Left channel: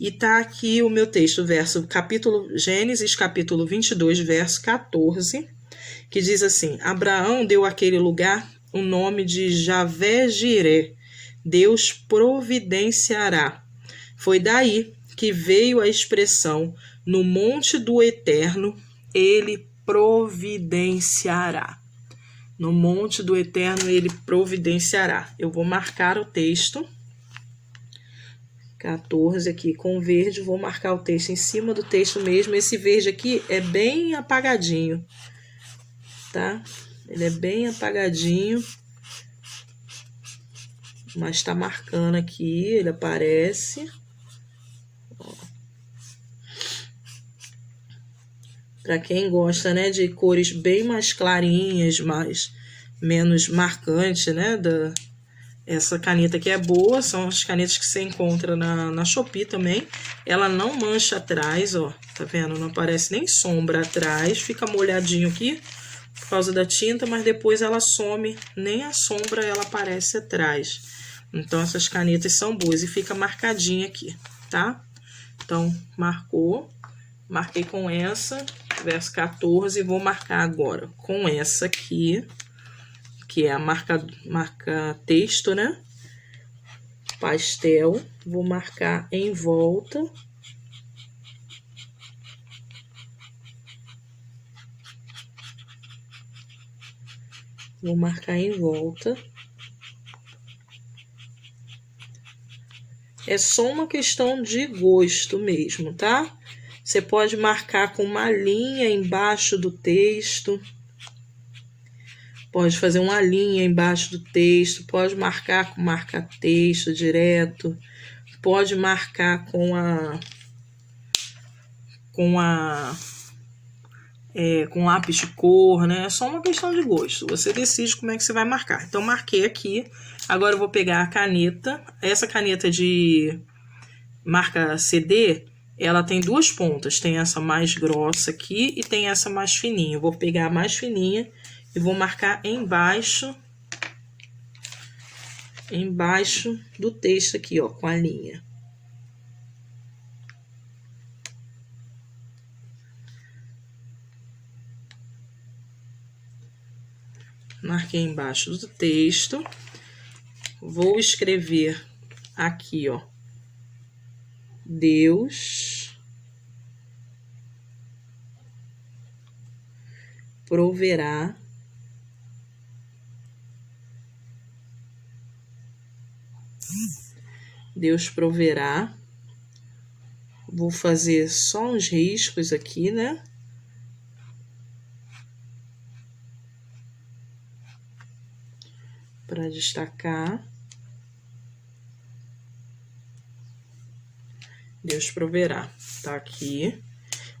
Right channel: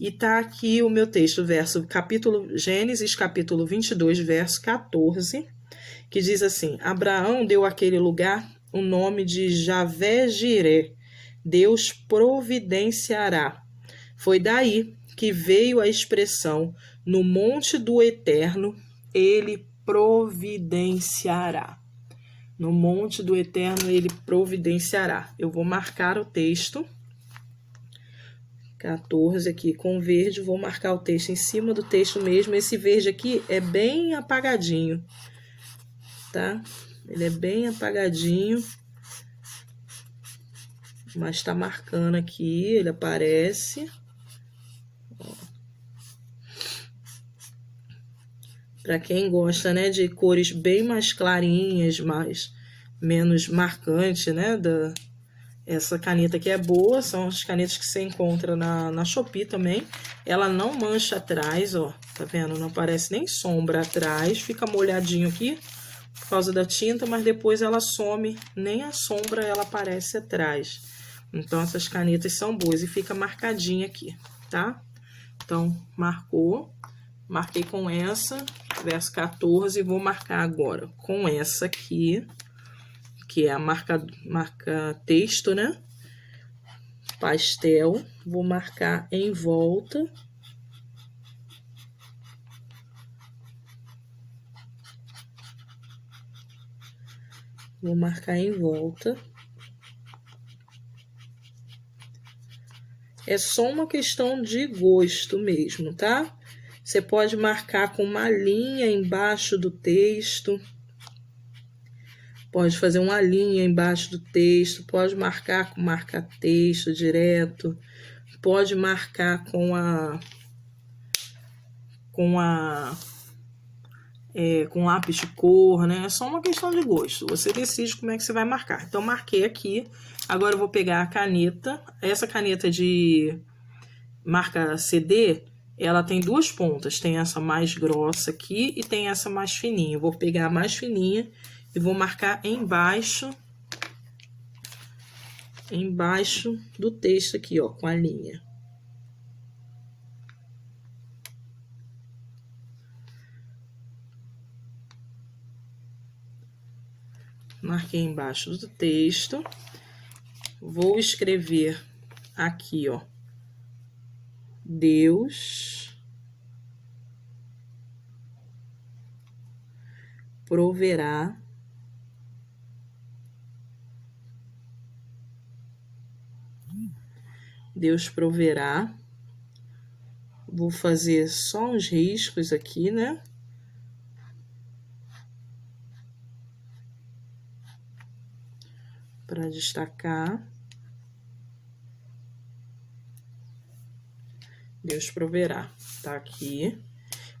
E tá aqui o meu texto, Gênesis, capítulo 22, verso 14, que diz assim: Abraão deu àquele lugar o nome de Javé-Jiré, Deus providenciará. Foi daí que veio a expressão: no monte do Eterno, ele providenciará. No monte do Eterno, ele providenciará. Eu vou marcar o texto 14 aqui com verde, vou marcar o texto em cima do texto mesmo. Esse verde aqui é bem apagadinho, tá? Ele é bem apagadinho, mas tá marcando aqui, ele aparece. Para quem gosta, né, de cores bem mais clarinhas, menos marcantes, né, essa caneta aqui é boa, são as canetas que você encontra na Shopee também. Ela não mancha atrás, ó, tá vendo? Não aparece nem sombra atrás, fica molhadinho aqui por causa da tinta, mas depois ela some, nem a sombra ela aparece atrás. Então, essas canetas são boas e fica marcadinha aqui, tá? Então, marquei com essa, verso 14, e vou marcar agora com essa aqui, que é a marca texto, né? Pastel. Vou marcar em volta. Vou marcar em volta. É só uma questão de gosto mesmo, tá? Você pode marcar com uma linha embaixo do texto. Pode fazer uma linha embaixo do texto, pode marcar com marca-texto direto, pode marcar com lápis de cor, né? É só uma questão de gosto. Você decide como é que você vai marcar. Então, marquei aqui. Agora, eu vou pegar a caneta. Essa caneta de marca CD, ela tem duas pontas. Tem essa mais grossa aqui e tem essa mais fininha. Eu vou pegar a mais fininha e vou marcar embaixo do texto aqui, ó, com a linha. Marquei embaixo do texto. Vou escrever aqui, ó, Deus proverá Deus proverá. Vou fazer só uns riscos aqui, né? Para destacar. Deus proverá. Tá aqui.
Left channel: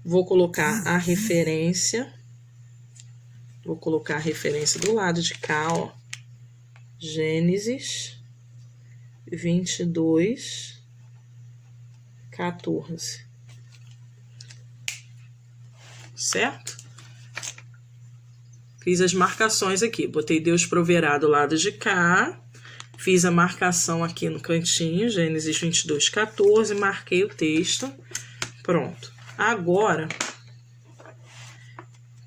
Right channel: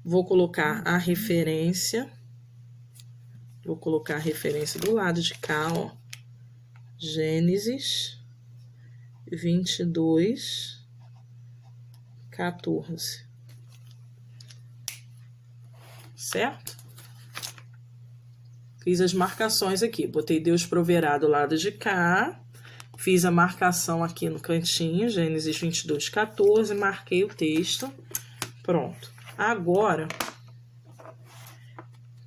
Vou colocar a referência. Vou colocar a referência do lado de cá, ó. Gênesis 22, 14. Certo? Fiz as marcações aqui. Botei Deus proverá do lado de cá. Fiz a marcação aqui no cantinho, Gênesis 22, 14. Marquei o texto. Pronto. Agora,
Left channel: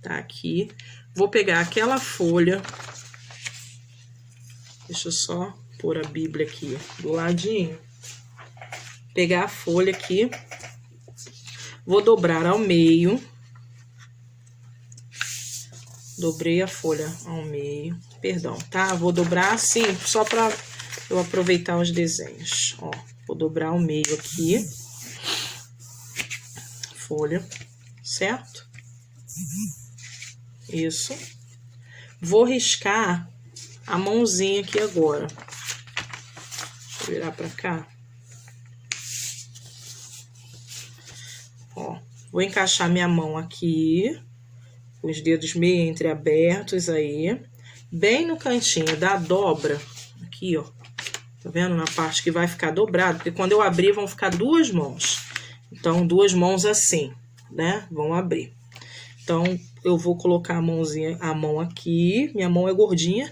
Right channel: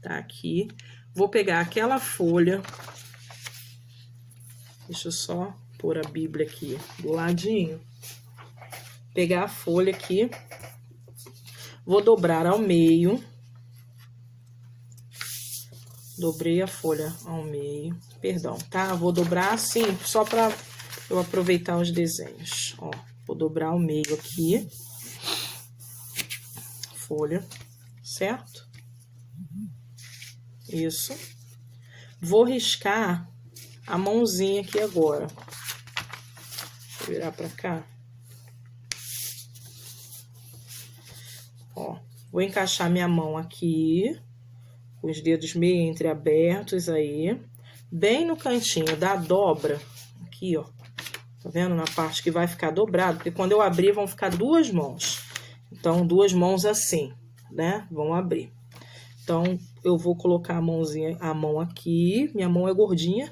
tá aqui. Vou pegar aquela folha. Deixa eu só pôr a Bíblia aqui do ladinho. Pegar a folha aqui. Vou dobrar ao meio. Dobrei a folha ao meio. Perdão, tá? Vou dobrar assim, só para eu aproveitar os desenhos. Ó, vou dobrar ao meio aqui. Folha, certo? Isso. Vou riscar a mãozinha aqui agora. Vou virar pra cá. Ó, vou encaixar minha mão aqui, com os dedos meio entreabertos aí, bem no cantinho da dobra, aqui, ó. Tá vendo? Na parte que vai ficar dobrado, porque quando eu abrir vão ficar duas mãos. Então, duas mãos assim, né? Vão abrir. Então, eu vou colocar a mão aqui. Minha mão é gordinha.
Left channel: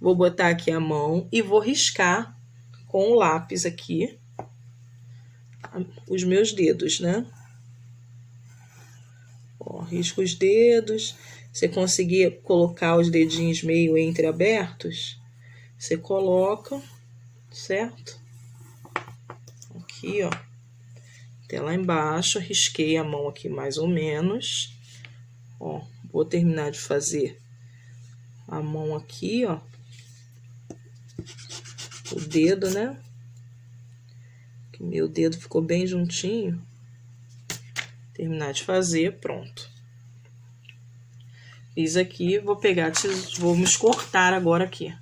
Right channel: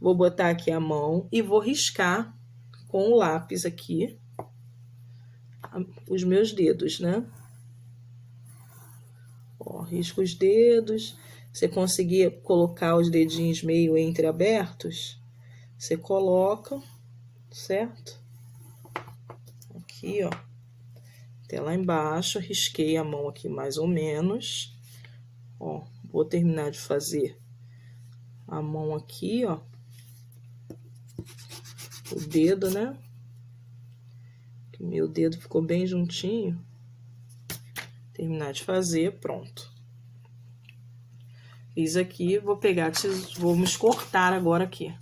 Vou botar aqui a mão e vou riscar com o lápis aqui os meus dedos, né? Ó, risco os dedos. Você conseguir colocar os dedinhos meio entreabertos, você coloca, certo? Aqui, ó. Até lá embaixo, risquei a mão aqui mais ou menos. Ó, vou terminar de fazer a mão aqui, ó. O dedo, né? Que meu dedo ficou bem juntinho. Terminar de fazer, pronto. Fiz aqui, vou pegar, vamos cortar agora aqui.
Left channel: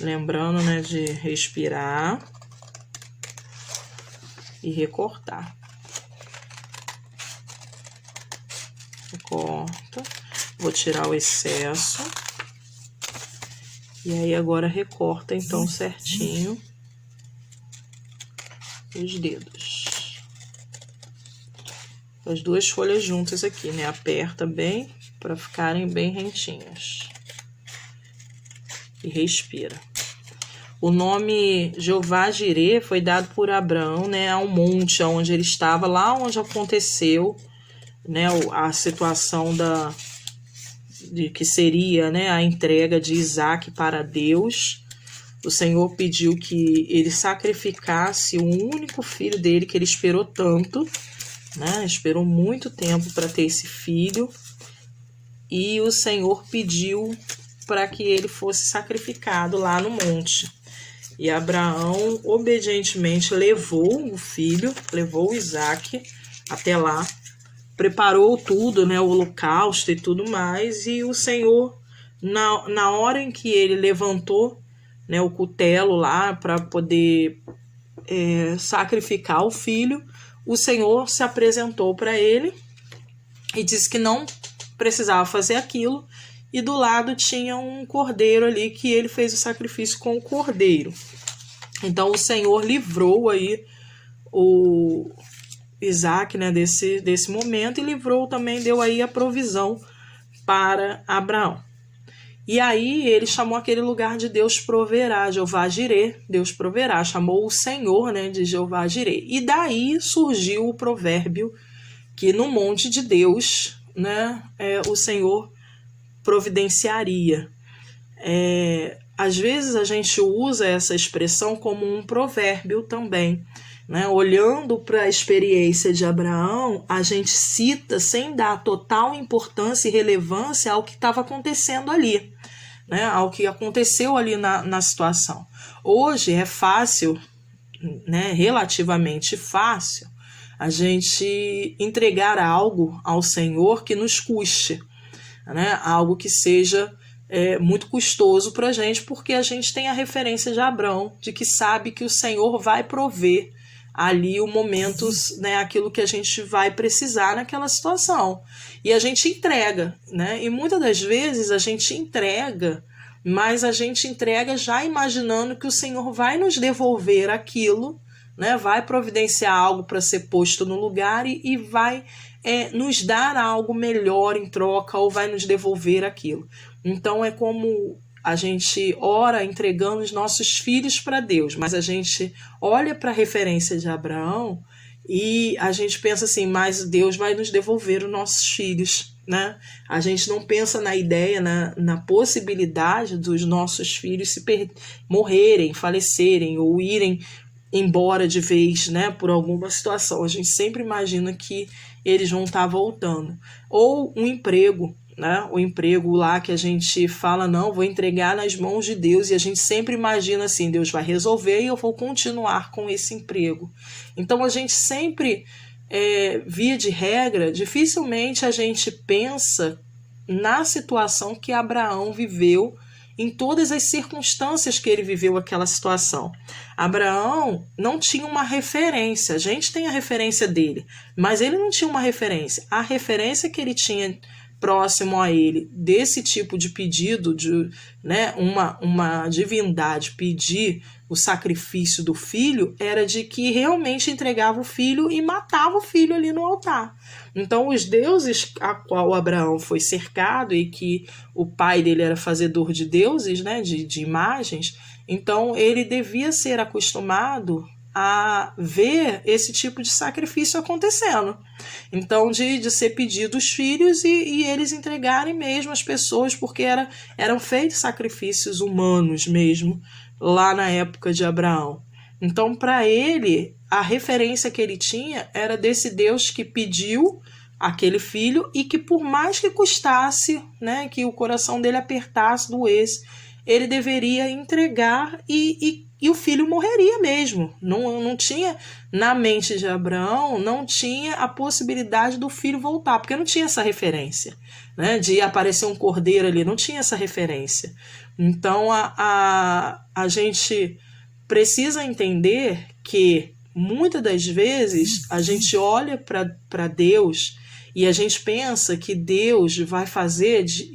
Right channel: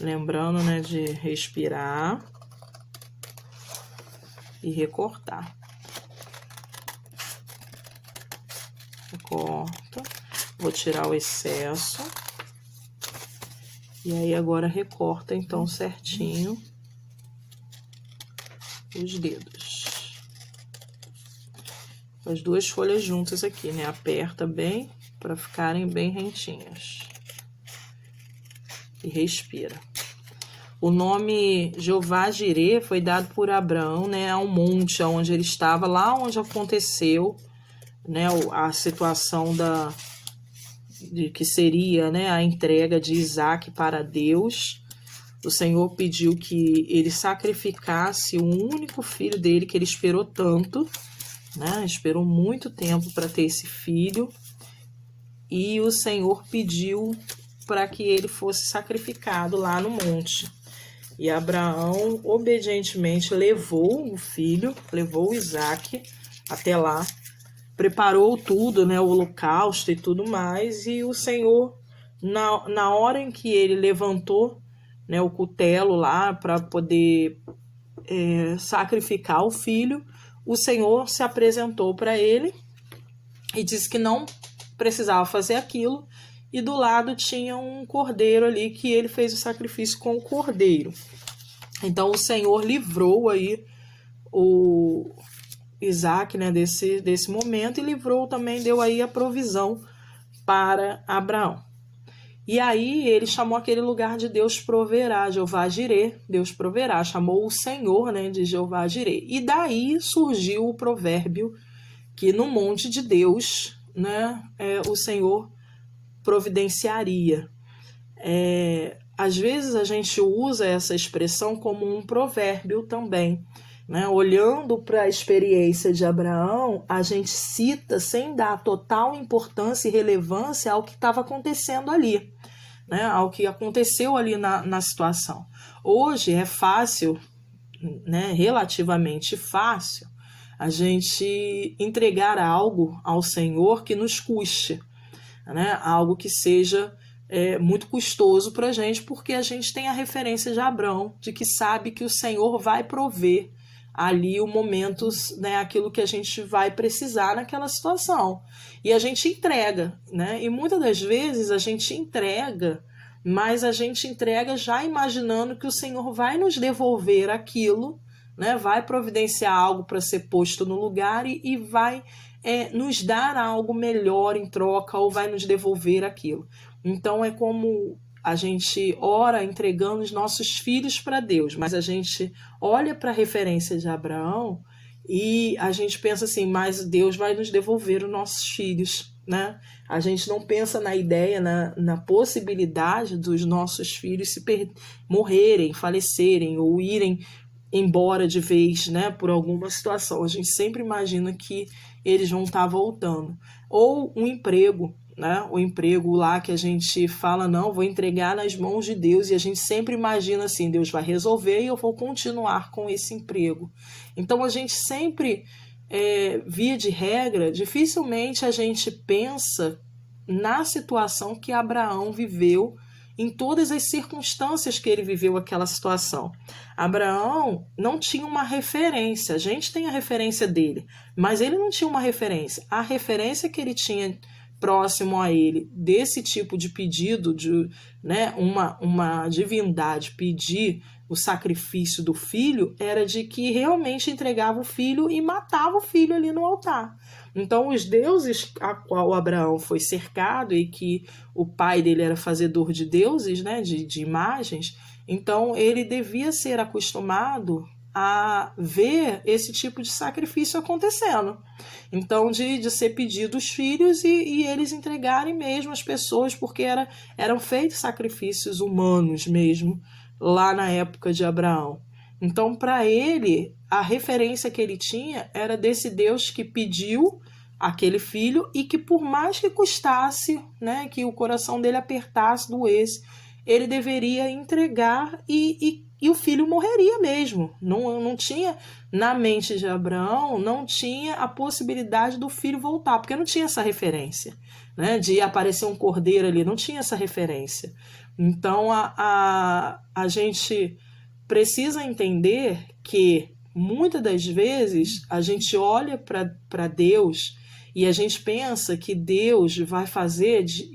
Lembrando, né, de respirar e recortar. Recorta. Vou tirar o excesso. E aí, agora recorta, então, certinho os dedos. As duas folhas juntas aqui, né? Aperta bem para ficarem bem rentinhas. E respira. O nome Jeová Jirê foi dado por Abraão, né, a um monte onde ele estava, lá onde aconteceu, né, a situação de que seria, né, a entrega de Isaac para Deus. O Senhor pediu que ele sacrificasse o único filho dele, que ele esperou tanto, né, esperou muito tempo para ter esse filho, e o Senhor pediu para que ele fosse sacrificado lá no monte. E Abraão obedientemente levou o filho, levou Isaac até lá, preparou tudo, né, o holocausto e tudo mais, e o Senhor, na hora em que ele levantou, né, o cutelo lá para poder sacrificar o filho, o Senhor se apresentou para ele e disse que não precisava fazer aquilo, e do lado tinha um cordeiro ali, que ele fez o sacrifício com o cordeiro. Então o Senhor livrou aí o Isaac, né, desse momento, e livrou também, deu aí a provisão para Abraão. E aí ele chamou aquele lugar de Deus proverá, Jeová Jirê, Deus proverá, chamou o Senhor, né, de Jeová Jirê. E daí surgiu o provérbio que no monte de Deus, né, o Senhor providenciaria. Às vezes a gente usa essa expressão como um provérbio também, né? Olhando para a experiência de Abraão, a gente cita sem dar total importância e relevância ao que estava acontecendo ali, né? Ao que aconteceu ali na situação. Hoje é fácil, né? Relativamente fácil, a gente entregar algo ao Senhor que nos custe, né? Algo que seja muito custoso para a gente, porque a gente tem a referência de Abraão, de que sabe que o Senhor vai prover ali o momento, né, aquilo que a gente vai precisar naquela situação. E a gente entrega, né? E muitas das vezes a gente entrega, mas a gente entrega já imaginando que o Senhor vai nos devolver aquilo, né? Vai providenciar algo para ser posto no lugar e vai nos dar algo melhor em troca, ou vai nos devolver aquilo. Então é como a gente ora entregando os nossos filhos para Deus, mas a gente olha para a referência de Abraão e a gente pensa assim, mas Deus vai nos devolver os nossos filhos, né? A gente não pensa na ideia, na possibilidade dos nossos filhos morrerem, falecerem ou irem embora de vez, né, por alguma situação. A gente sempre imagina que eles vão estar voltando. Ou um emprego, né? O emprego lá que a gente fala, não, vou entregar nas mãos de Deus, e a gente sempre imagina assim, Deus vai resolver e eu vou continuar com esse emprego. Então a gente sempre, via de regra, dificilmente a gente pensa na situação que Abraão viveu, em todas as circunstâncias que ele viveu aquela situação. Abraão não tinha uma referência, a gente tem a referência dele, mas ele não tinha uma referência. A referência que ele tinha próximo a ele, desse tipo de pedido, de, né, uma divindade pedir, o sacrifício do filho era de que realmente entregava o filho e matava o filho ali no altar. Então, os deuses a qual Abraão foi cercado e que o pai dele era fazedor de deuses, né, de imagens, então ele devia ser acostumado a ver esse tipo de sacrifício acontecendo. Então, de ser pedido os filhos e eles entregarem mesmo as pessoas, porque eram feitos sacrifícios humanos mesmo, lá na época de Abraão. Então, para ele, a referência que ele tinha era desse Deus que pediu aquele filho e que, por mais que custasse, né, que o coração dele apertasse, doesse, ele deveria entregar e o filho morreria mesmo. Não tinha, na mente de Abraão, não tinha a possibilidade do filho voltar, porque não tinha essa referência, né, de aparecer um cordeiro ali, não tinha essa referência. Então, a gente precisa entender que, muitas das vezes, a gente olha para Deus e a gente pensa que Deus vai fazer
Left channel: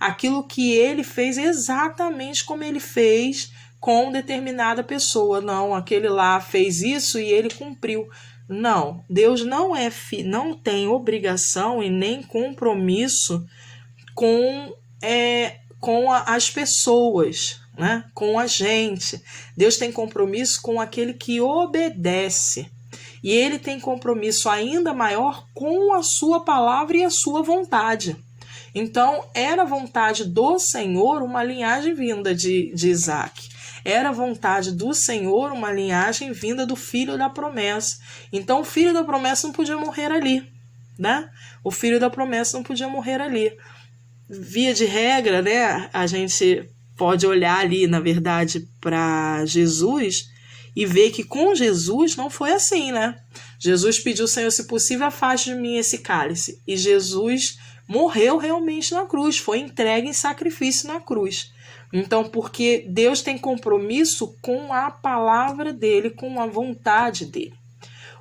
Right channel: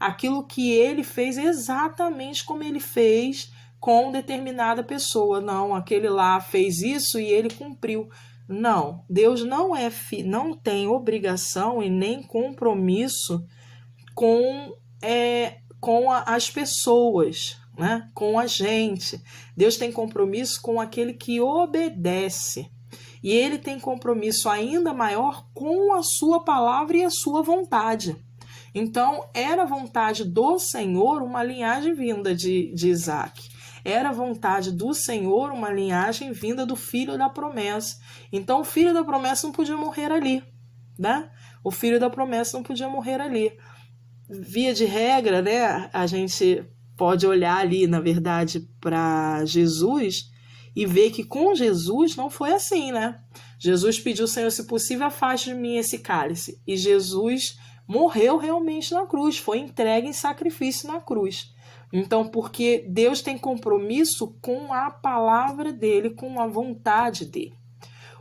aquilo que ele fez exatamente como ele fez com determinada pessoa. Não, aquele lá fez isso e ele cumpriu. Não, Deus não tem obrigação e nem compromisso com as pessoas, né? Com a gente. Deus tem compromisso com aquele que obedece. E ele tem compromisso ainda maior com a sua palavra e a sua vontade. Então, era vontade do Senhor uma linhagem vinda de Isaac. Era vontade do Senhor uma linhagem vinda do filho da promessa. Então, o filho da promessa não podia morrer ali, né? O filho da promessa não podia morrer ali. Via de regra, né, a gente pode olhar ali, na verdade, para Jesus e ver que com Jesus não foi assim, né? Jesus pediu, Senhor, se possível, afaste de mim esse cálice. E Jesus morreu realmente na cruz, foi entregue em sacrifício na cruz. Então, porque Deus tem compromisso com a palavra dele, com a vontade dele.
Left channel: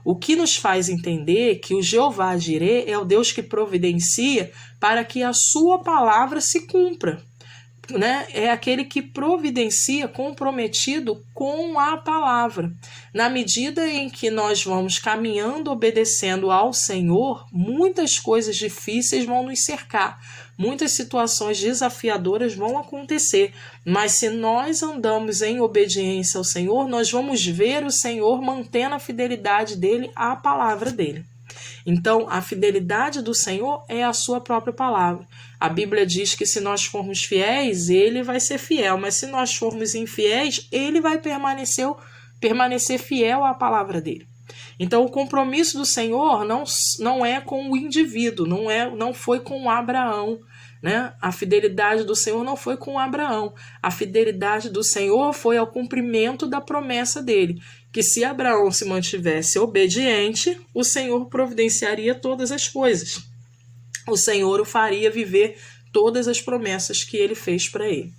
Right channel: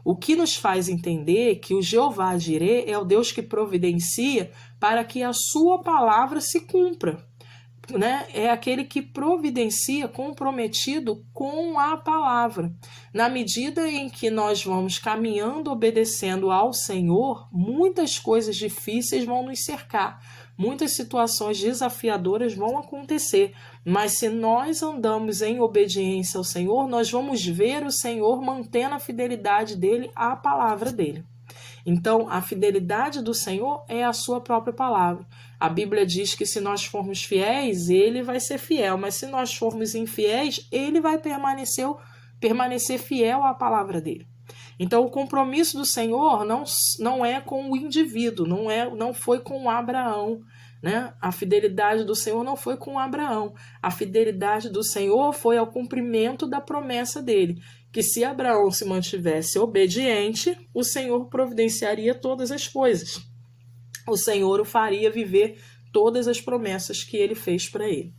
O que nos faz entender que o Jeová Jireh é o Deus que providencia para que a sua palavra se cumpra, né? É aquele que providencia comprometido com a palavra. Na medida em que nós vamos caminhando, obedecendo ao Senhor, muitas coisas difíceis vão nos cercar, muitas situações desafiadoras vão acontecer, mas se nós andamos em obediência ao Senhor, nós vamos ver o Senhor mantendo a fidelidade dele à palavra dele. Então, a fidelidade do Senhor é a sua própria palavra. A Bíblia diz que se nós formos fiéis, ele vai ser fiel, mas se nós formos infiéis, ele vai permanecer fiel à palavra dele. Então, o compromisso do Senhor não é com o indivíduo, não foi com Abraão, né? A fidelidade do Senhor não foi com Abraão. A fidelidade do Senhor foi ao cumprimento da promessa dele, que se Abraão se mantivesse obediente, o Senhor providenciaria todas as coisas. O Senhor o faria viver todas as promessas que ele fez para ele.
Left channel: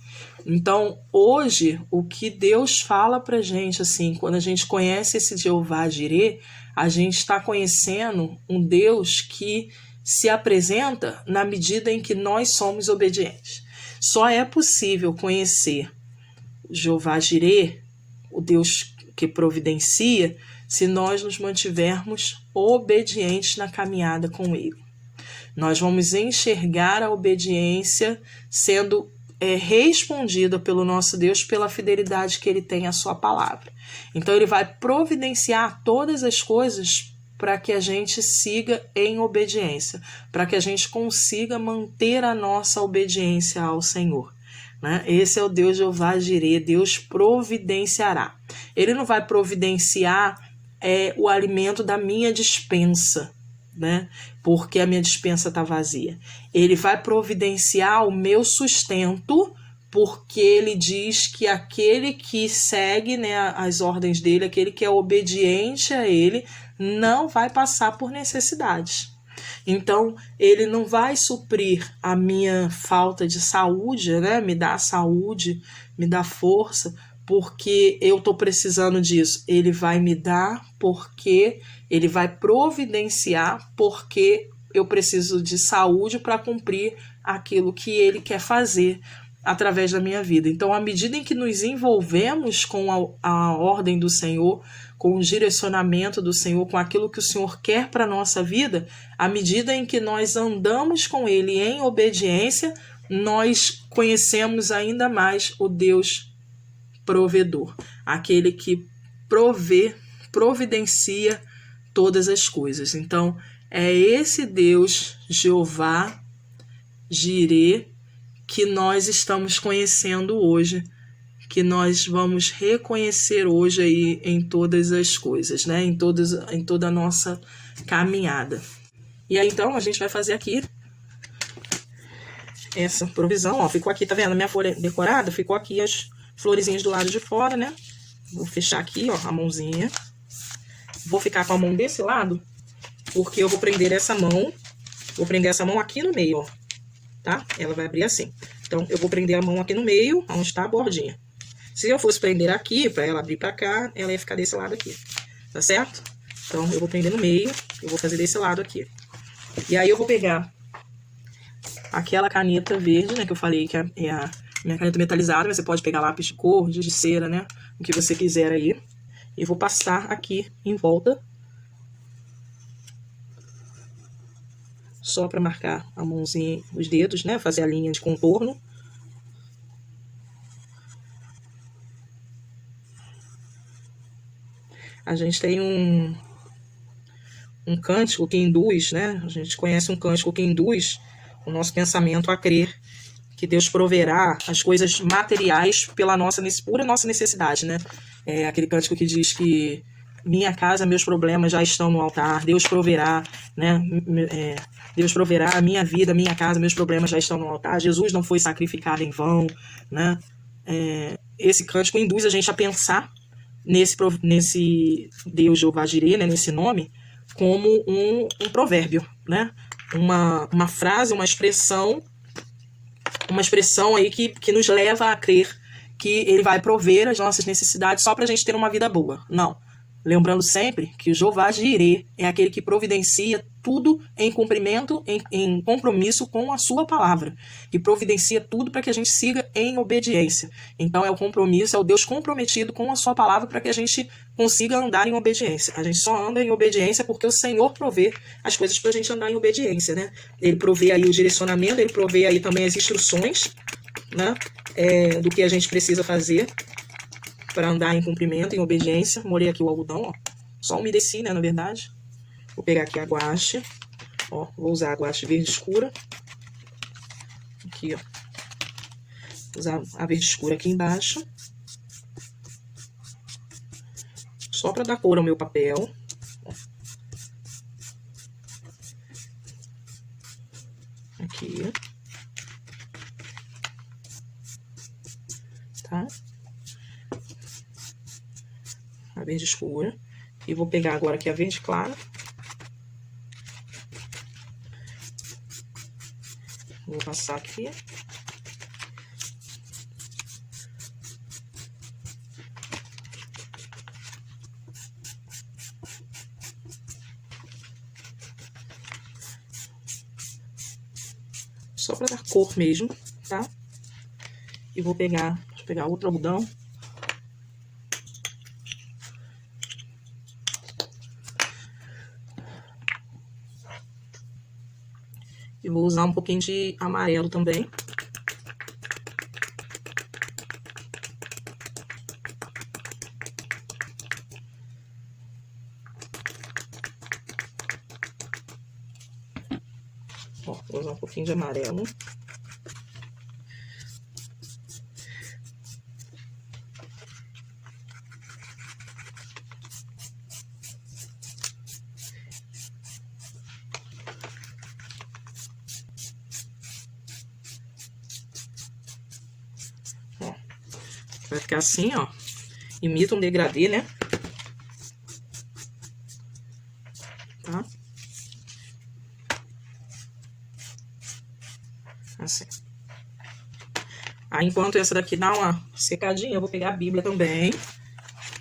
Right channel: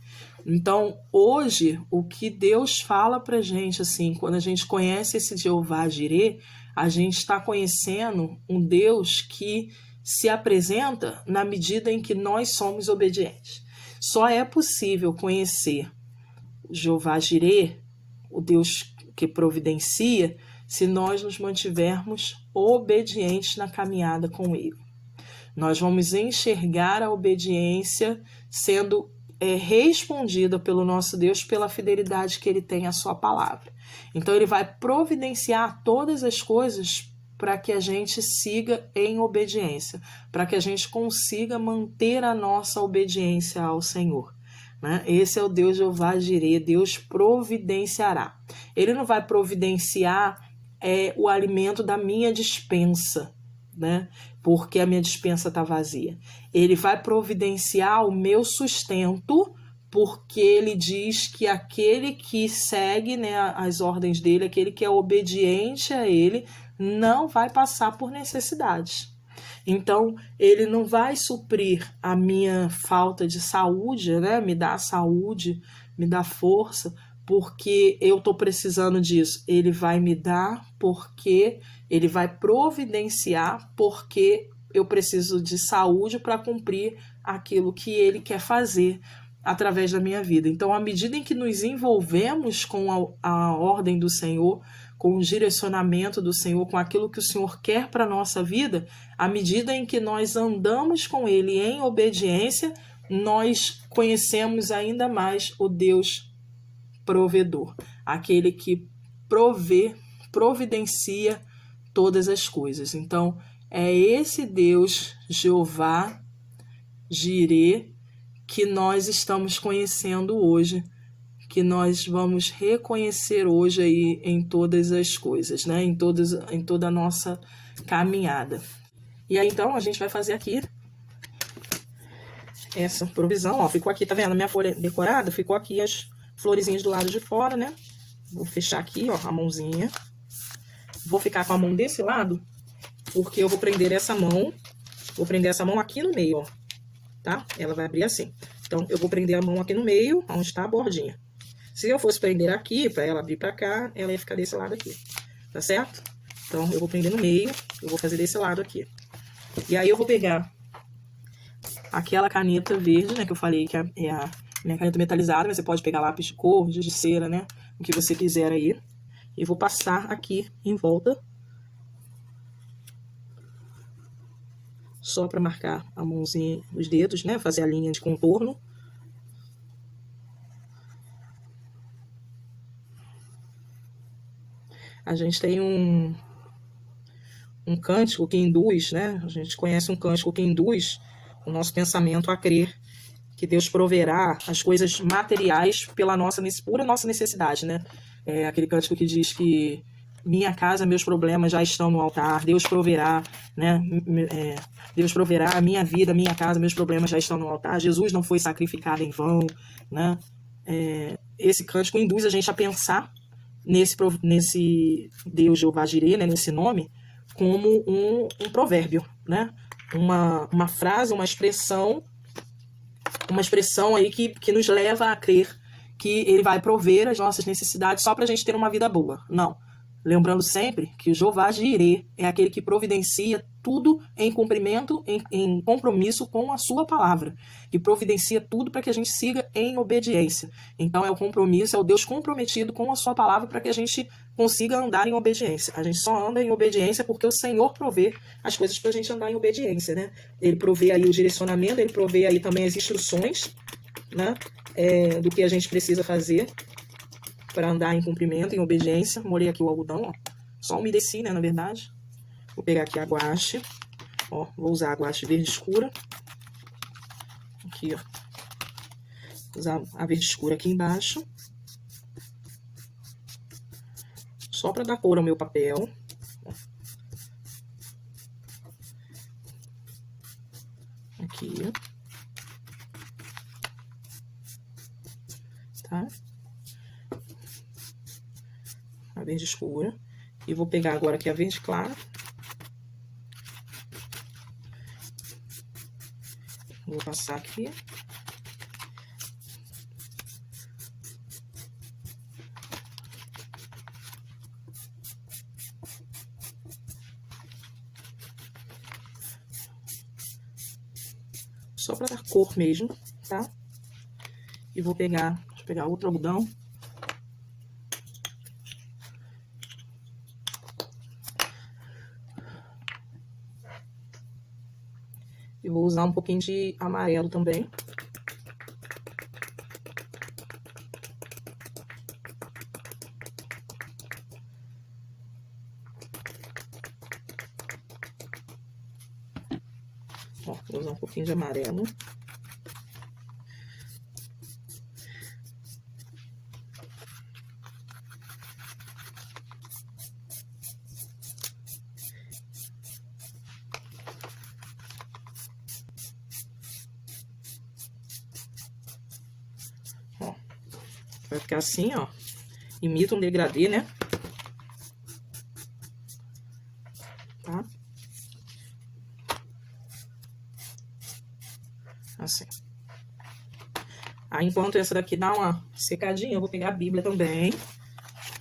Então, hoje, o que Deus fala para a gente, assim, quando a gente conhece esse Jeová Jireh, a gente está conhecendo um Deus que se apresenta na medida em que nós somos obedientes. Só é possível conhecer Jeová Jireh, o Deus que providencia, se nós nos mantivermos obedientes na caminhada com ele. Nós vamos enxergar a obediência sendo respondida pelo nosso Deus pela fidelidade que ele tem à sua palavra. Então ele vai providenciar todas as coisas para que a gente siga em obediência, para que a gente consiga manter a nossa obediência ao Senhor. Né? Esse é o Deus Jeová Jireh, Deus providenciará. Ele não vai providenciar o alimento da minha despensa, né? Porque a minha despensa está vazia. Ele vai providenciar o meu sustento, porque ele diz que aquele que segue, né, as ordens dele, aquele que é obediente a ele, não vai passar por necessidades. Então, ele não vai suprir a minha falta de saúde, né? Me dá saúde, me dá força, porque eu estou precisando disso. Ele vai me dar porque ele vai providenciar, porque eu preciso de saúde para cumprir aquilo que ele quer fazer através da minha vida. Então, à medida em que nos envolvemos com a ordem do Senhor, com o direcionamento do Senhor, com aquilo que o Senhor quer para a nossa vida, à medida em que nós andamos com Ele em obediência, nós conhecemos ainda mais o Deus provedor, aquele que providencia todas as coisas. Então, é esse Deus, Jeová, Jirê, que nós estamos conhecendo hoje, que nós vamos reconhecer hoje aí em todas as coisas, né? Em toda a nossa caminhada. E aí, então, a gente vai fazer aqui essa provisão, ó. Ficou aqui, tá vendo? A minha folha decorada, ficou aqui as florezinhas do lado de fora, né? Vou fechar aqui, ó, a mãozinha. Vou ficar com a mão desse lado, porque eu vou prender essa mão. Vou prender essa mão aqui no meio, ó. Tá? Ela vai abrir assim. Então, eu vou prender a mão aqui no meio, onde está a bordinha. Se eu fosse prender aqui, para ela abrir para cá, ela ia ficar desse lado aqui. Tá certo? Então, eu vou prender no meio, eu vou fazer desse lado aqui. E aí, eu vou pegar aquela caneta verde, né, que eu falei que é a minha caneta metalizada. Você pode pegar lápis de cor, giz de cera, né, o que você quiser aí. E vou passar aqui em volta. Só para marcar a mãozinha, os dedos, né, fazer a linha de contorno. A gente tem um cântico que induz, né? A gente conhece um cântico que induz o nosso pensamento a crer que Deus proverá as coisas materiais pela pura nossa necessidade, né? É aquele cântico que diz que minha casa, meus problemas já estão no altar. Deus proverá, né? Deus proverá a minha vida, minha casa, meus problemas já estão no altar. Jesus não foi sacrificado em vão, né? Esse cântico induz a gente a pensar nesse Deus Jeová Jirê, né? Nesse nome, como um provérbio, né? Uma frase, uma expressão aí que nos leva a crer que ele vai prover as nossas necessidades só para a gente ter uma vida boa. Não. Lembrando sempre que o Jeová Jirê é aquele que providencia tudo em cumprimento, em compromisso com a sua palavra. E providencia tudo para que a gente siga em obediência. Então é o compromisso, é o Deus comprometido com a sua palavra para que a gente consiga andar em obediência. A gente só anda em obediência porque o Senhor provê as coisas para a gente andar em obediência, né? Ele provê aí o direcionamento, ele provê aí também as instruções, né? Do que a gente precisa fazer para andar em cumprimento, em obediência. Molhei aqui o algodão, ó. Só umedeci, né, na verdade. Vou pegar aqui a guache. Ó, vou usar a guache verde escura. Aqui, ó. Vou usar a verde escura aqui embaixo. Só para dar cor ao meu papel. Aqui, ó. Tá? A verde escura. E vou pegar agora aqui a verde clara. Vou passar aqui. Só para dar cor mesmo, tá? E vou pegar outro algodão. E vou usar um pouquinho de amarelo também. Ó, vou usar um pouquinho de amarelo. Vai ficar assim, ó. Imita um degradê, né? Tá? Assim. Aí, enquanto essa daqui dá uma secadinha, eu vou pegar a Bíblia também.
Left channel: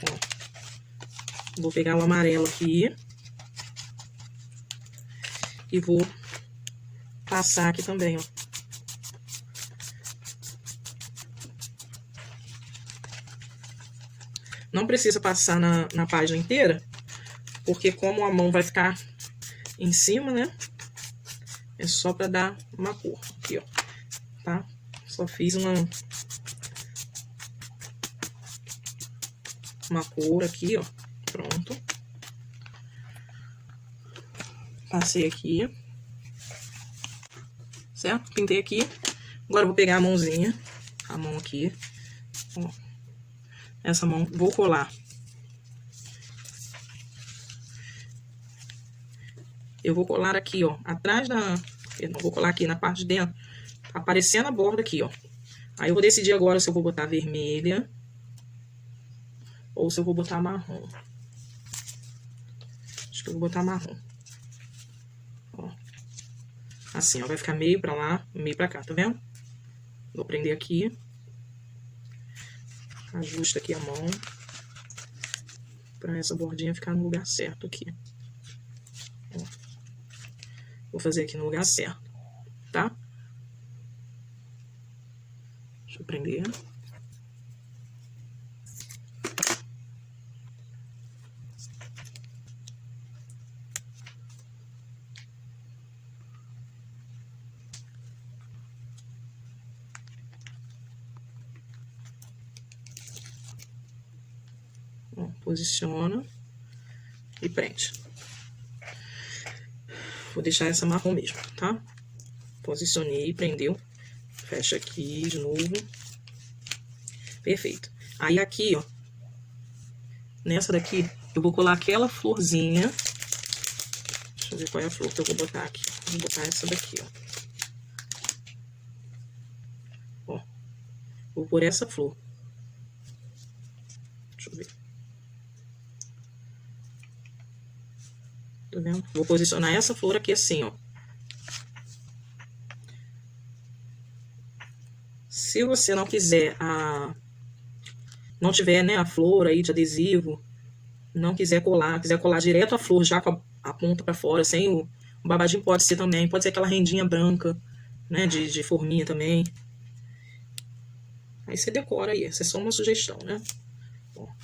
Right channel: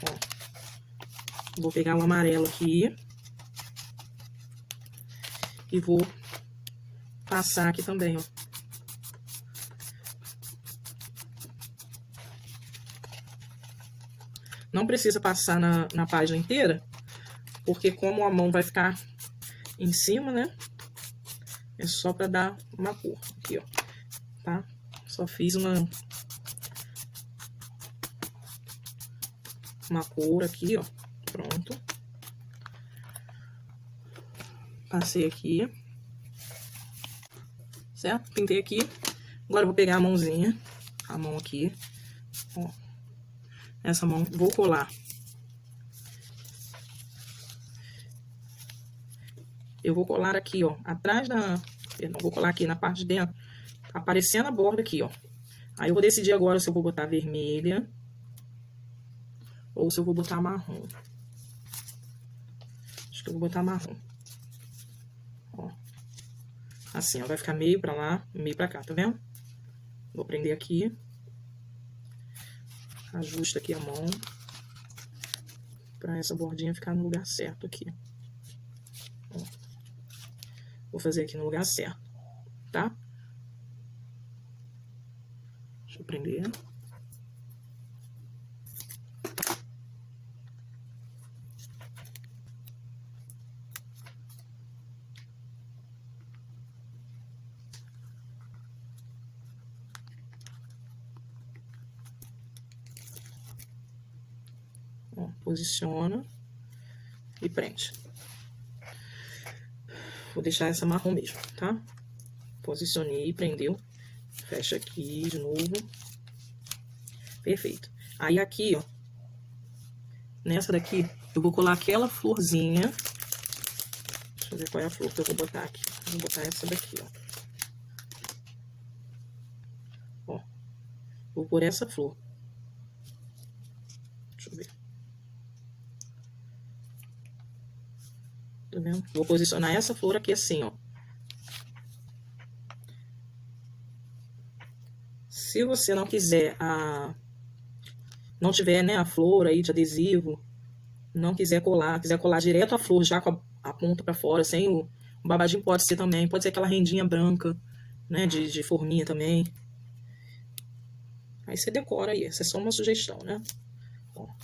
Ó. Vou pegar o amarelo aqui. E vou passar aqui também, ó. Não precisa passar na página inteira, porque como a mão vai ficar em cima, né? É só pra dar uma cor. Aqui, ó. Tá? Só fiz uma cor aqui, ó. Pronto. Passei aqui. Certo? Pintei aqui. Agora eu vou pegar a mãozinha. A mão aqui. Ó. Essa mão, vou colar. Eu vou colar aqui, ó. Atrás da... Perdão, vou colar aqui na parte de dentro. Aparecendo a borda aqui, ó. Aí eu vou decidir agora se eu vou botar vermelha ou se eu vou botar marrom. Acho que eu vou botar marrom. Ó. Assim, ó. Vai ficar meio pra lá, meio pra cá, tá vendo? Vou prender aqui. Ajusta aqui a mão. Pra essa bordinha ficar no lugar certo aqui. Ó. Vou fazer aqui no lugar certo, tá? Deixa eu prender. Ó, posiciona e prende. Vou deixar essa marrom mesmo, tá? Posicionei, prendeu. Fecha aqui de novo. Perfeito. Aí aqui, ó. Nessa daqui, eu vou colar aquela florzinha. Deixa eu ver qual é a flor que eu vou botar aqui. Vou botar essa daqui, ó. Ó. Vou pôr essa flor. Deixa eu ver. Tá vendo? Vou posicionar essa flor aqui assim, ó. Se você não quiser não tiver, né, a flor aí de adesivo, não quiser colar direto a flor já com a ponta pra fora, sem o babadinho, pode ser também, pode ser aquela rendinha branca, né, de forminha também. Aí você decora aí, essa é só uma sugestão, né? Ó.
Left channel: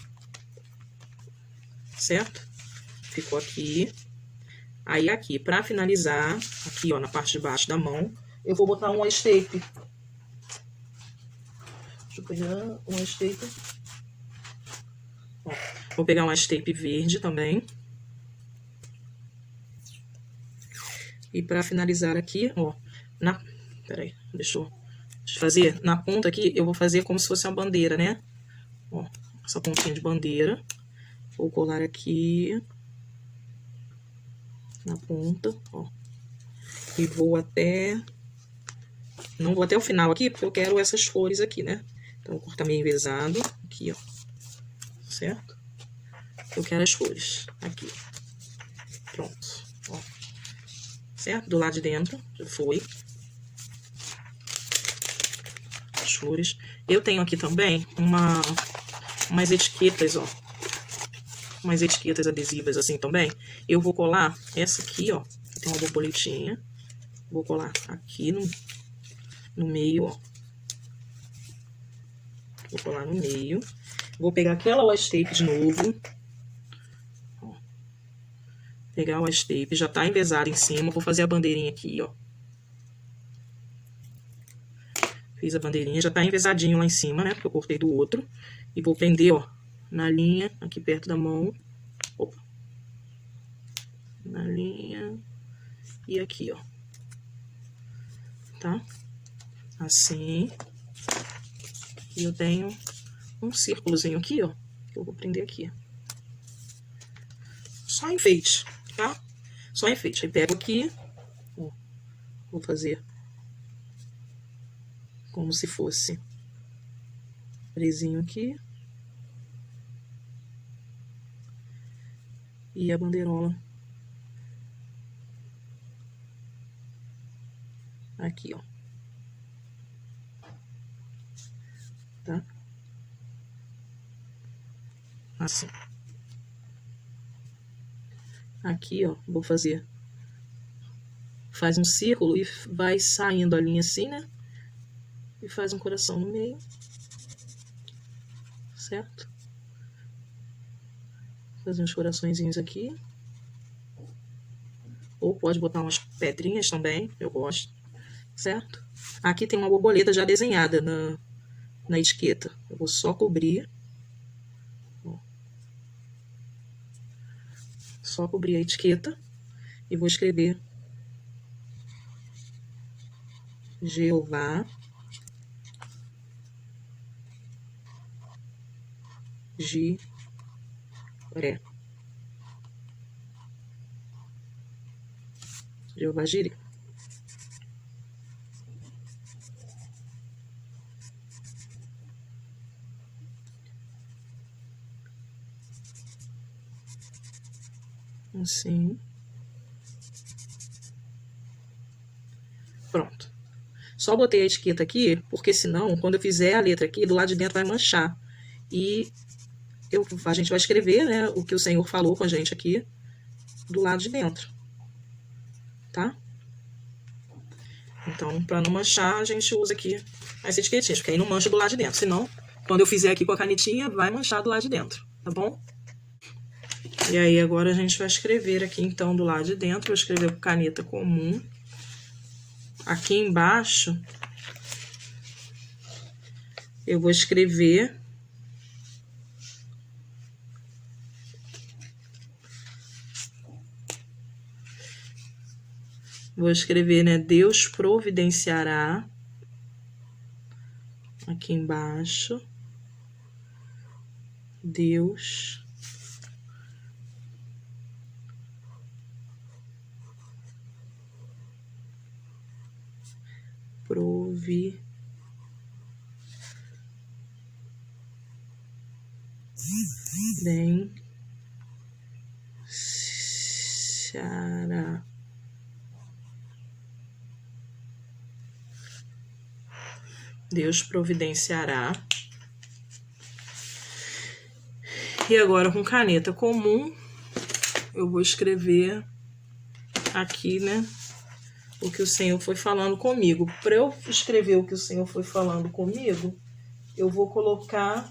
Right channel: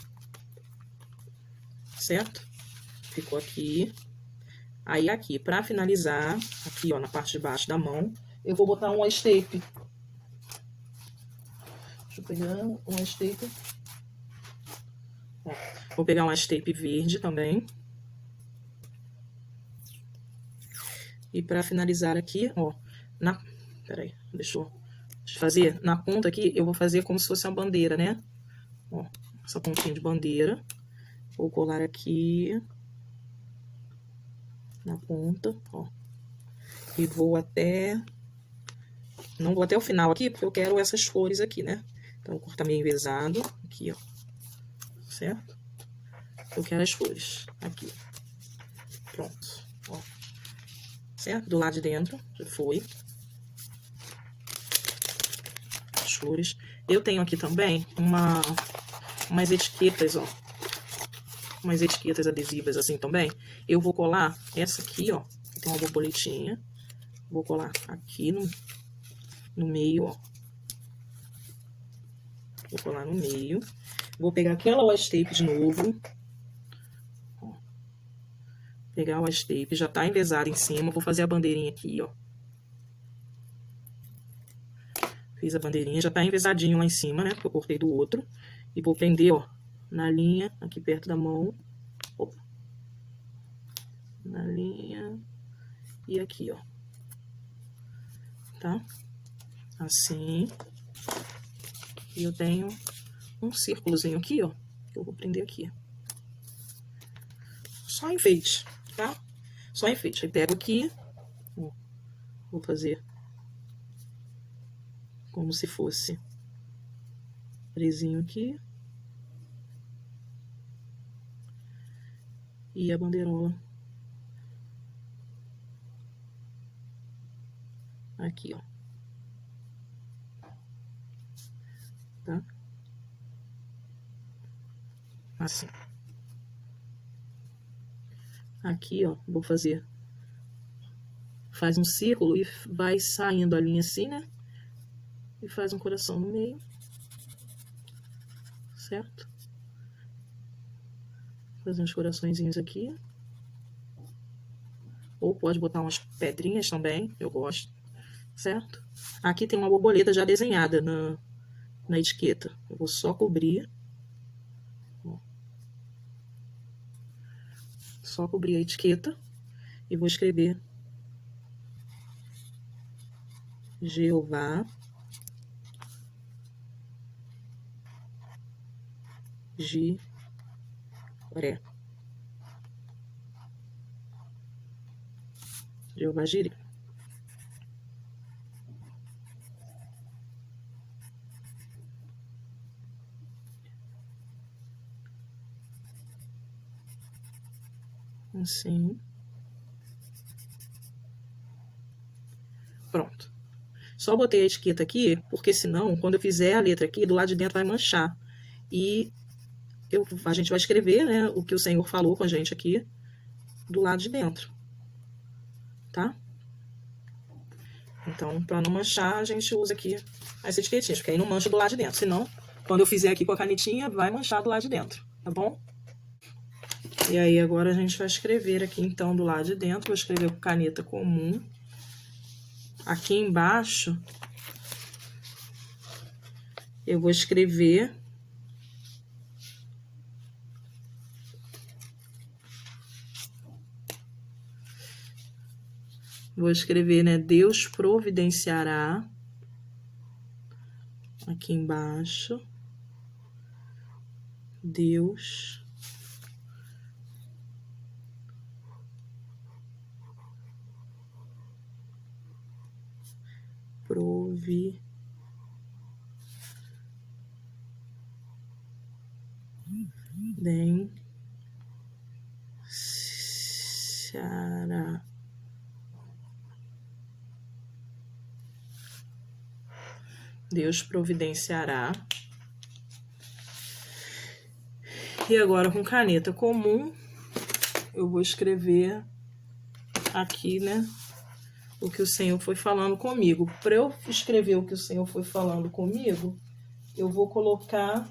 Certo? Ficou aqui. Aí aqui, pra finalizar, aqui ó, na parte de baixo da mão, eu vou botar um washi tape. Deixa eu pegar um washi tape. Ó, vou pegar um washi tape verde também. E pra finalizar aqui, ó, peraí, deixa eu fazer, na ponta aqui, eu vou fazer como se fosse uma bandeira, né? Ó, essa pontinha de bandeira. Vou colar aqui na ponta, ó. E vou até... Não vou até o final aqui, porque eu quero essas cores aqui, né? Então, vou cortar meio envezado, aqui, ó. Certo? Eu quero as cores, aqui. Pronto, ó. Certo? Do lado de dentro, já foi. As cores. Eu tenho aqui também umas etiquetas, ó. Umas etiquetas adesivas assim também. Eu vou colar essa aqui, ó. Tem uma borboletinha. Vou colar aqui no meio, ó. Vou colar no meio. Vou pegar aquela washi tape de novo. Ó. Pegar o washi tape, já tá envezado em cima. Vou fazer a bandeirinha aqui, ó. Fiz a bandeirinha, já tá envezadinho lá em cima, né? Porque eu cortei do outro. E vou prender, ó, na linha, aqui perto da mão. Opa. Na linha. E aqui, ó. Tá? Assim. E eu tenho um círculozinho aqui, ó. Que eu vou prender aqui. Só enfeite, tá? Só enfeite. Aí pego aqui. Ó, vou fazer como se fosse presinho aqui. E a bandeirola aqui, ó. Tá? Assim. Aqui, ó, vou fazer. Faz um círculo e vai saindo a linha assim, né? E faz um coração no meio. Certo? fazer uns coraçõezinhos aqui. Ou pode botar umas pedrinhas também, eu gosto, certo? Aqui tem uma borboleta já desenhada na etiqueta. Eu vou só cobrir. Só cobrir a etiqueta e vou escrever Jeová Jiré. Jeová Jiré. Assim. Pronto. Só botei a etiqueta aqui, porque senão, quando eu fizer a letra aqui, do lado de dentro vai manchar. E a gente vai escrever, né, o que o Senhor falou com a gente aqui, do lado de dentro. Tá? Então, para não manchar, a gente usa aqui as etiquetinhas, porque aí não mancha do lado de dentro. Senão, quando eu fizer aqui com a canetinha, vai manchar do lado de dentro, tá bom? E aí, agora a gente vai escrever aqui, então, do lado de dentro. Vou escrever com caneta comum. Aqui embaixo, eu vou escrever né, Deus providenciará. Aqui embaixo, Deus providenciará. Deus providenciará. E agora, com caneta comum, eu vou escrever aqui, né, o que o Senhor foi falando comigo. Para eu escrever o que o Senhor foi falando comigo, eu vou colocar...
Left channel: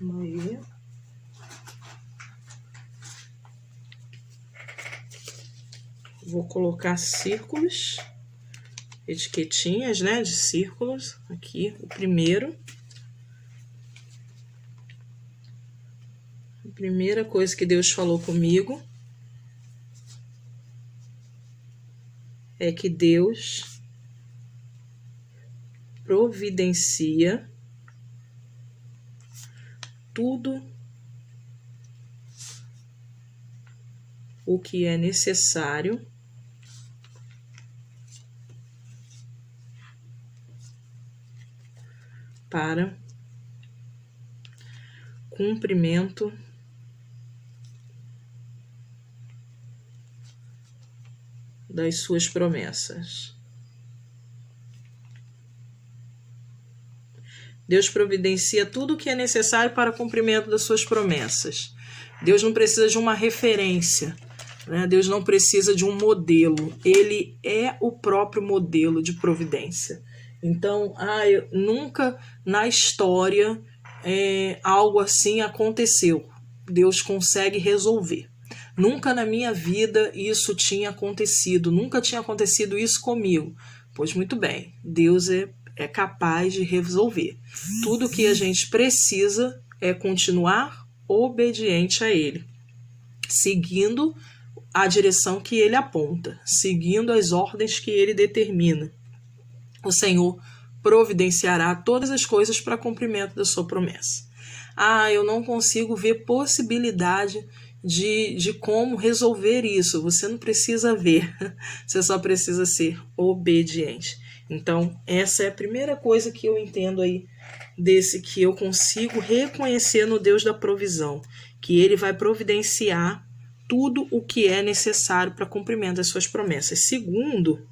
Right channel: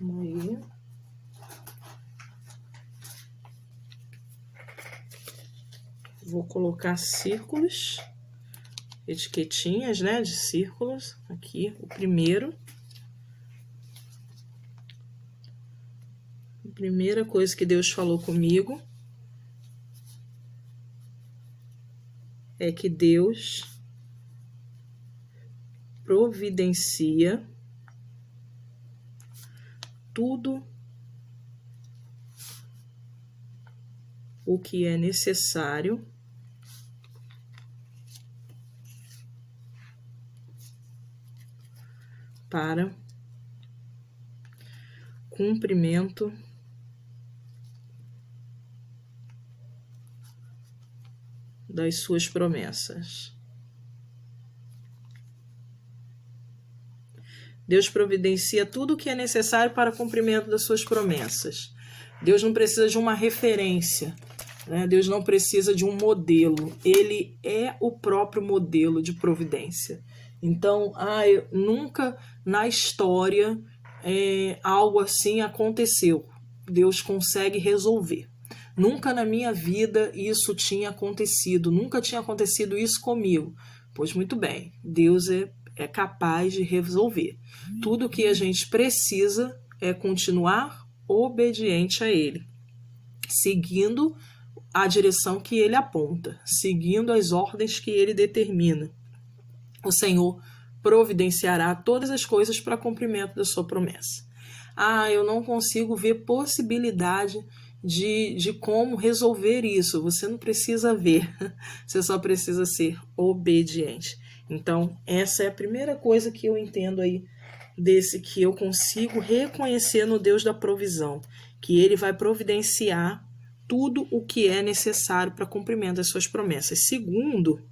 Aí. Vou colocar círculos, etiquetinhas, né, de círculos. Aqui, o primeiro. A primeira coisa que Deus falou comigo é que Deus providencia tudo o que é necessário para cumprimento das suas promessas. Deus providencia tudo o que é necessário para o cumprimento das suas promessas. Deus não precisa de uma referência, né? Deus não precisa de um modelo. Ele é o próprio modelo de providência. Então, nunca na história algo assim aconteceu. Deus consegue resolver. Nunca na minha vida isso tinha acontecido. Nunca tinha acontecido isso comigo. Pois muito bem, Deus é capaz de resolver. Tudo que a gente precisa é continuar obediente a Ele, seguindo a direção que Ele aponta, seguindo as ordens que Ele determina. O Senhor providenciará todas as coisas para cumprimento da sua promessa. Eu não consigo ver possibilidade de como resolver isso. Você não precisa ver, você só precisa ser obediente. Então, essa é a primeira coisa que eu entendo aí, desse que eu consigo reconhecer no Deus da provisão, que Ele vai providenciar tudo o que é necessário para cumprimento das suas promessas. Segundo,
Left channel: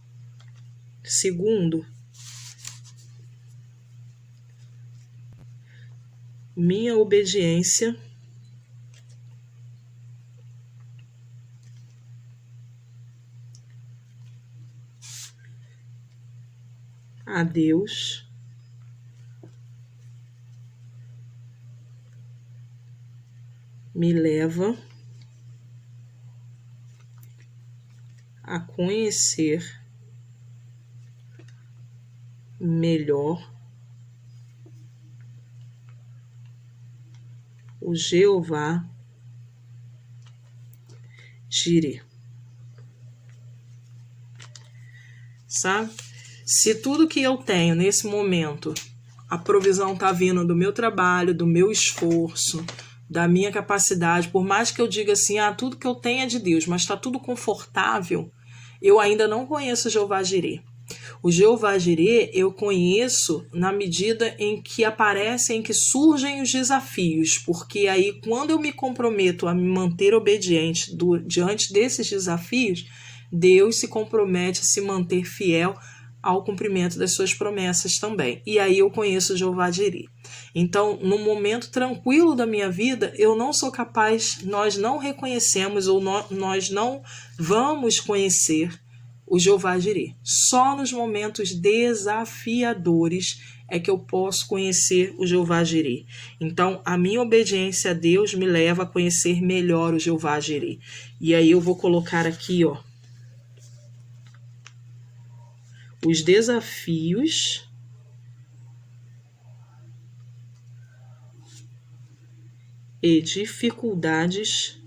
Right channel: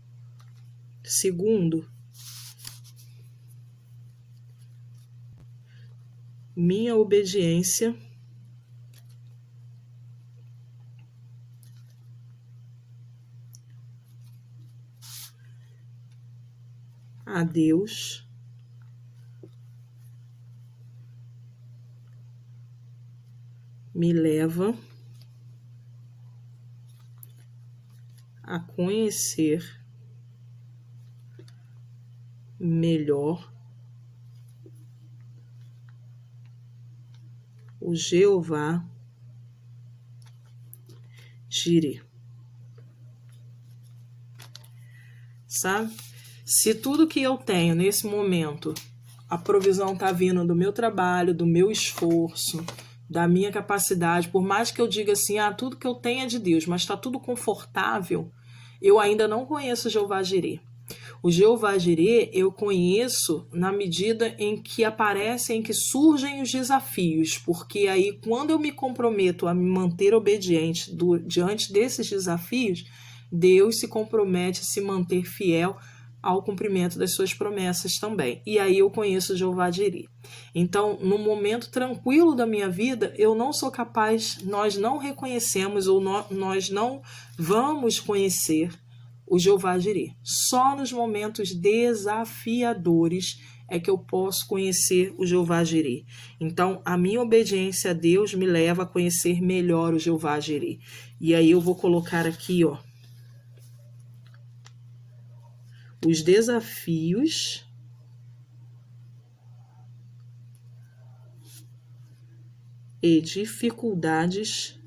minha obediência a Deus me leva a conhecer melhor o Jeová Jireh. Sabe? Se tudo que eu tenho nesse momento, a provisão tá vindo do meu trabalho, do meu esforço, da minha capacidade, por mais que eu diga assim, tudo que eu tenho é de Deus, mas está tudo confortável, eu ainda não conheço o Jeová Jireh. O Jeová Jireh eu conheço na medida em que aparecem, em que surgem os desafios, porque aí quando eu me comprometo a me manter obediente diante desses desafios, Deus se compromete a se manter fiel ao cumprimento das suas promessas também. E aí eu conheço o Jeová Jireh. Então, no momento tranquilo da minha vida, eu não sou capaz, nós não reconhecemos ou nós não vamos conhecer o Jeová Jireh. Só nos momentos desafiadores é que eu posso conhecer o Jeová Jireh. Então, a minha obediência a Deus me leva a conhecer melhor o Jeová Jireh. E aí eu vou colocar aqui, ó, os desafios e dificuldades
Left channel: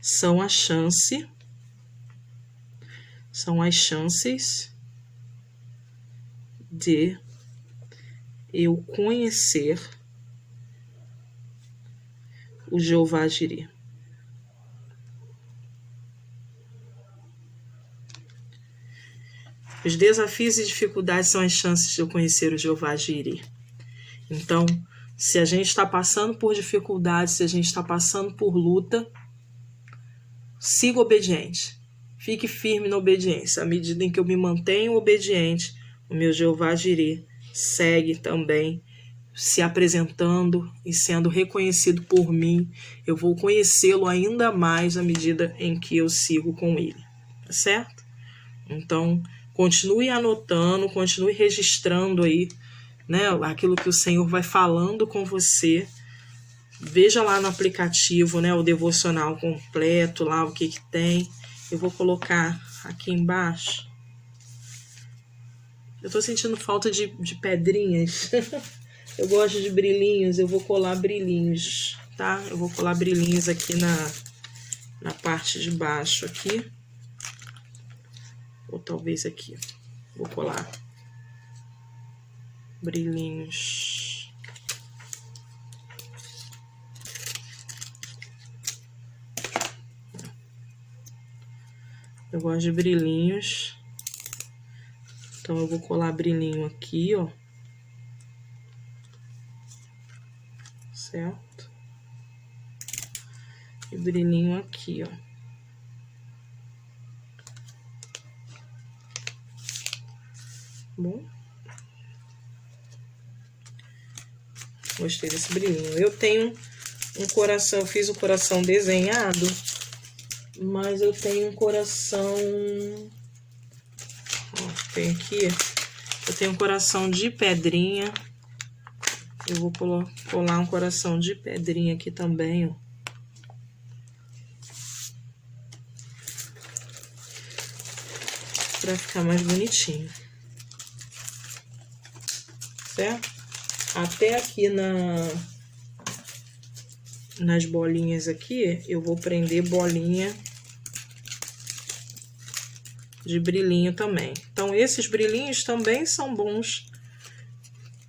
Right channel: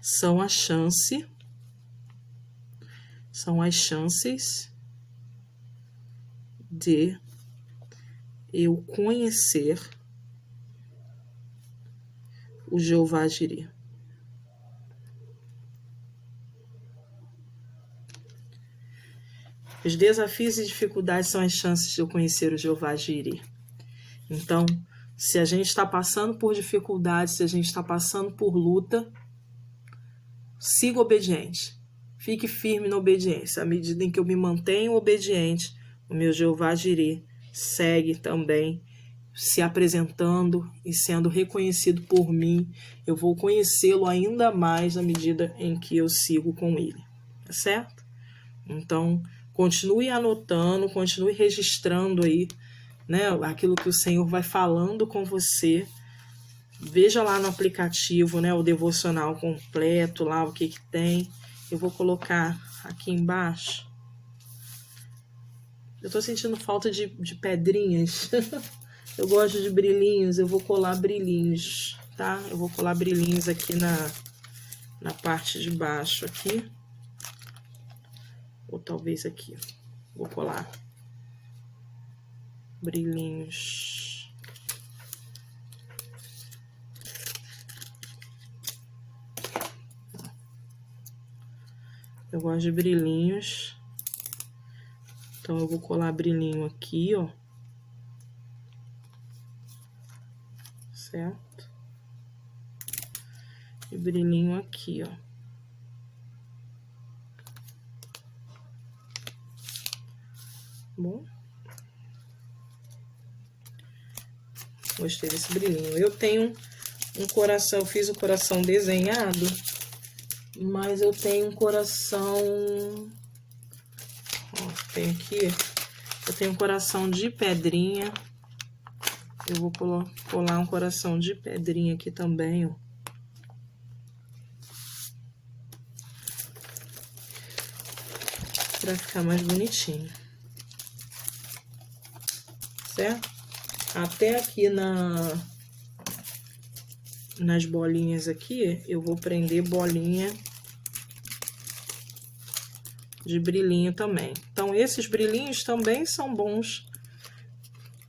são as chances de eu conhecer o Jeová Jireh. Os desafios e dificuldades são as chances de eu conhecer o Jeová Jireh. Então, se a gente está passando por dificuldades, se a gente está passando por luta, siga obediente. Fique firme na obediência. À medida em que eu me mantenho obediente, o meu Jeová Jireh segue também se apresentando e sendo reconhecido por mim. Eu vou conhecê-lo ainda mais à medida em que eu sigo com ele. Tá certo? Então, continue anotando, continue registrando aí, né, aquilo que o Senhor vai falando com você. Veja lá no aplicativo, né, o devocional completo, lá o que tem. Eu vou colocar aqui embaixo. Eu tô sentindo falta de pedrinhas. Eu gosto de brilhinhos, eu vou colar brilhinhos, tá? Eu vou colar brilhinhos aqui na parte de baixo aqui. Ou talvez aqui. Vou colar brilhinhos. Eu gosto de brilhinhos. Então, eu vou colar brilhinho aqui, ó. Certo? E brilhinho aqui, ó. Bom. Gostei desse brilhinho. Eu tenho um coração, eu fiz o coração desenhado, mas eu tenho um coração... Ó, tem aqui, eu tenho um coração de pedrinha. Eu vou colar um coração de pedrinha aqui também, ó. Pra ficar mais bonitinho. Certo? Até aqui nas bolinhas aqui, eu vou prender bolinha de brilhinho também. Então, esses brilhinhos também são bons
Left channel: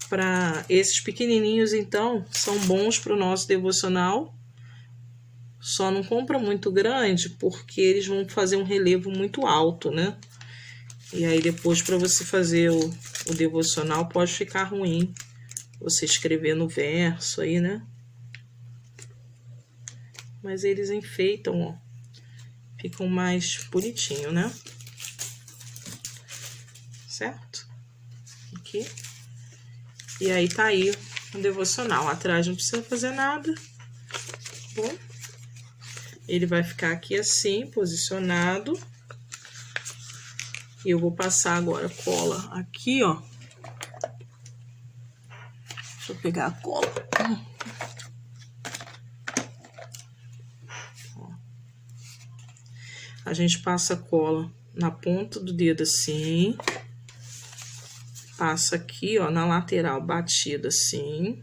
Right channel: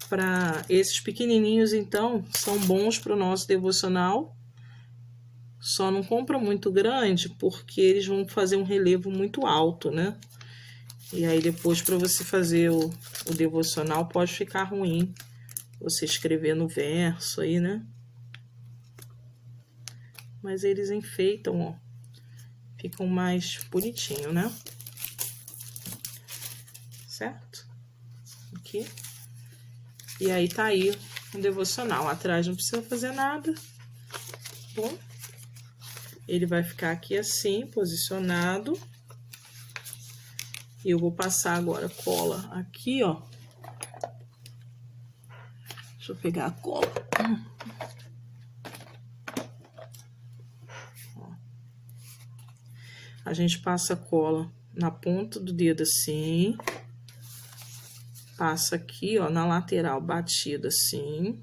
para esses pequenininhos, então, são bons para o nosso devocional. Só não compra muito grande, porque eles vão fazer um relevo muito alto, né? E aí, depois, para você fazer o devocional, pode ficar ruim você escrever no verso aí, né? Mas eles enfeitam, ó. Ficam mais bonitinho, né? Certo? Aqui. E aí, tá aí o devocional. Atrás não precisa fazer nada. Bom, ele vai ficar aqui assim, posicionado. E eu vou passar agora cola aqui, ó. Deixa eu pegar a cola. Ó. A gente passa a cola na ponta do dedo assim. Passa aqui, ó, na lateral, batida assim.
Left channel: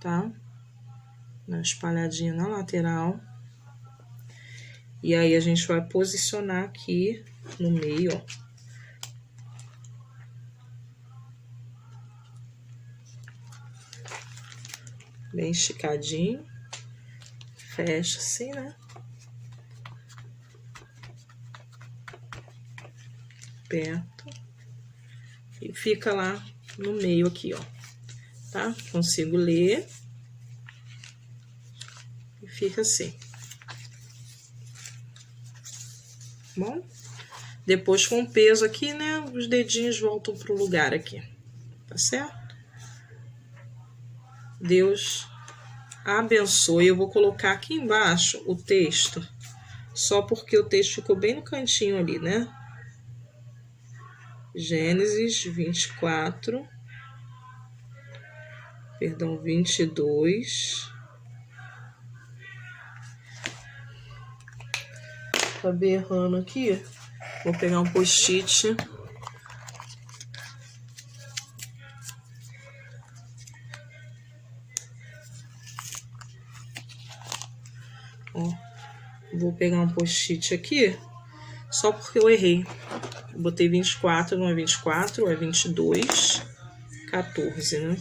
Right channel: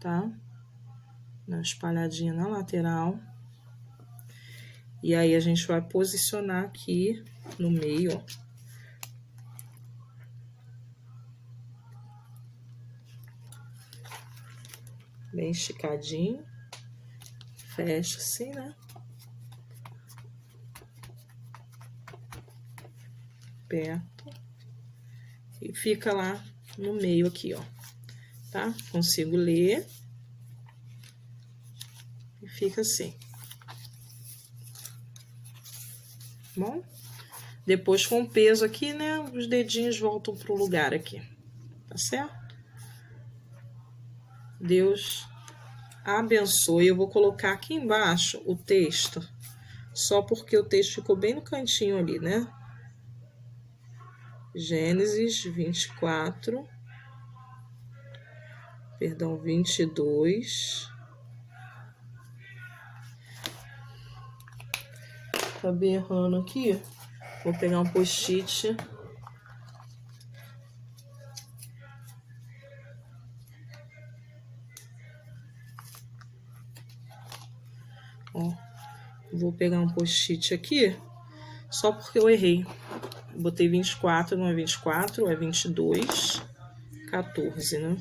Tá? Uma espalhadinha na lateral. E aí, a gente vai posicionar aqui no meio, ó. Bem esticadinho. Fecha assim, né? Perto. E fica lá no meio aqui, ó. Tá? Consigo ler. E fica assim. Bom? Depois, com o peso aqui, né? Os dedinhos voltam pro lugar aqui. Tá certo? Deus abençoe. Eu vou colocar aqui embaixo o texto. Só porque o texto ficou bem no cantinho ali, né? Gênesis 24. Perdão, 22. Acabei errando aqui. Vou pegar um post-it. Ó, vou pegar um post-it aqui. Só porque eu errei. Eu botei 24, não é 24, é 22, 14, né?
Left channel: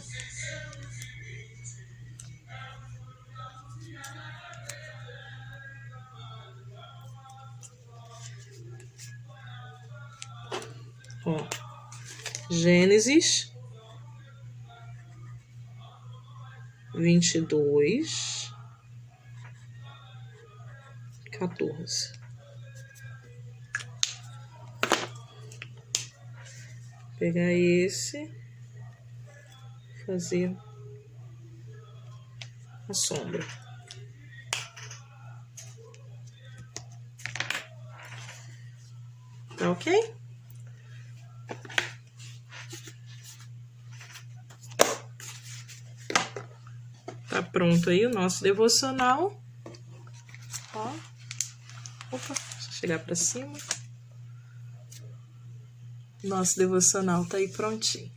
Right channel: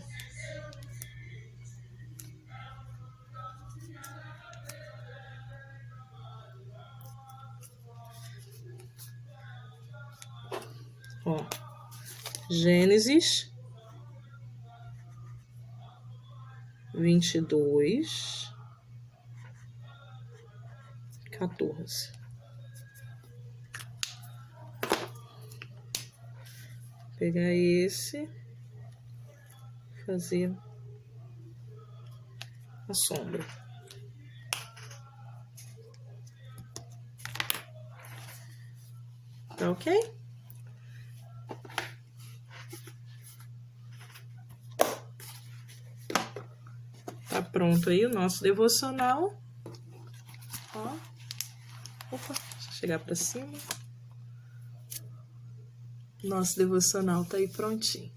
Ó, Gênesis 22, 14. Pegar esse, fazer a sombra. Tá ok? Tá pronto aí o nosso devocional. Ó. Opa, deixa eu chegar pra cima. Nosso devocional tá aí prontinho.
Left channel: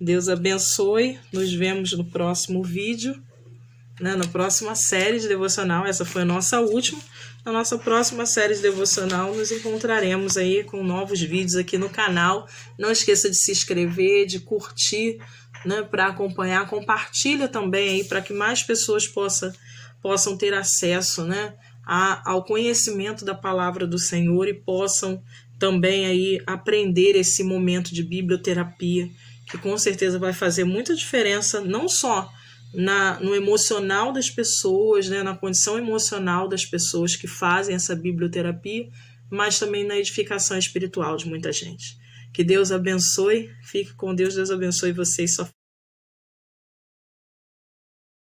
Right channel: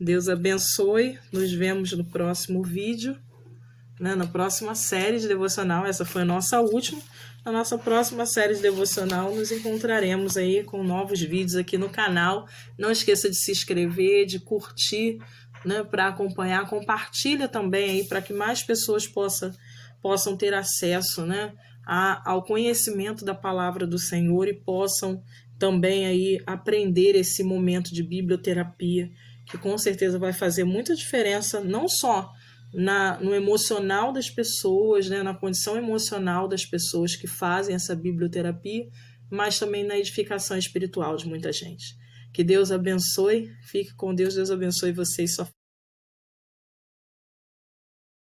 Deus abençoe. Nos vemos no próximo vídeo, né? Na próxima série de devocional. Essa foi a nossa última. Na nossa próxima série de devocional, nos encontraremos aí com novos vídeos aqui no canal. Não esqueça de se inscrever, de curtir, né, para acompanhar. Compartilha também aí para que mais pessoas possam ter acesso, né, ao conhecimento da palavra do Senhor e possam também aí aprender esse momento de biblioterapia, que com certeza vai fazer muita diferença, não só no emocional das pessoas, né, na condição emocional das pessoas que fazem essa biblioterapia, mas também na edificação espiritual de muita gente. Que Deus abençoe, fique com Deus, Deus abençoe você e sua família.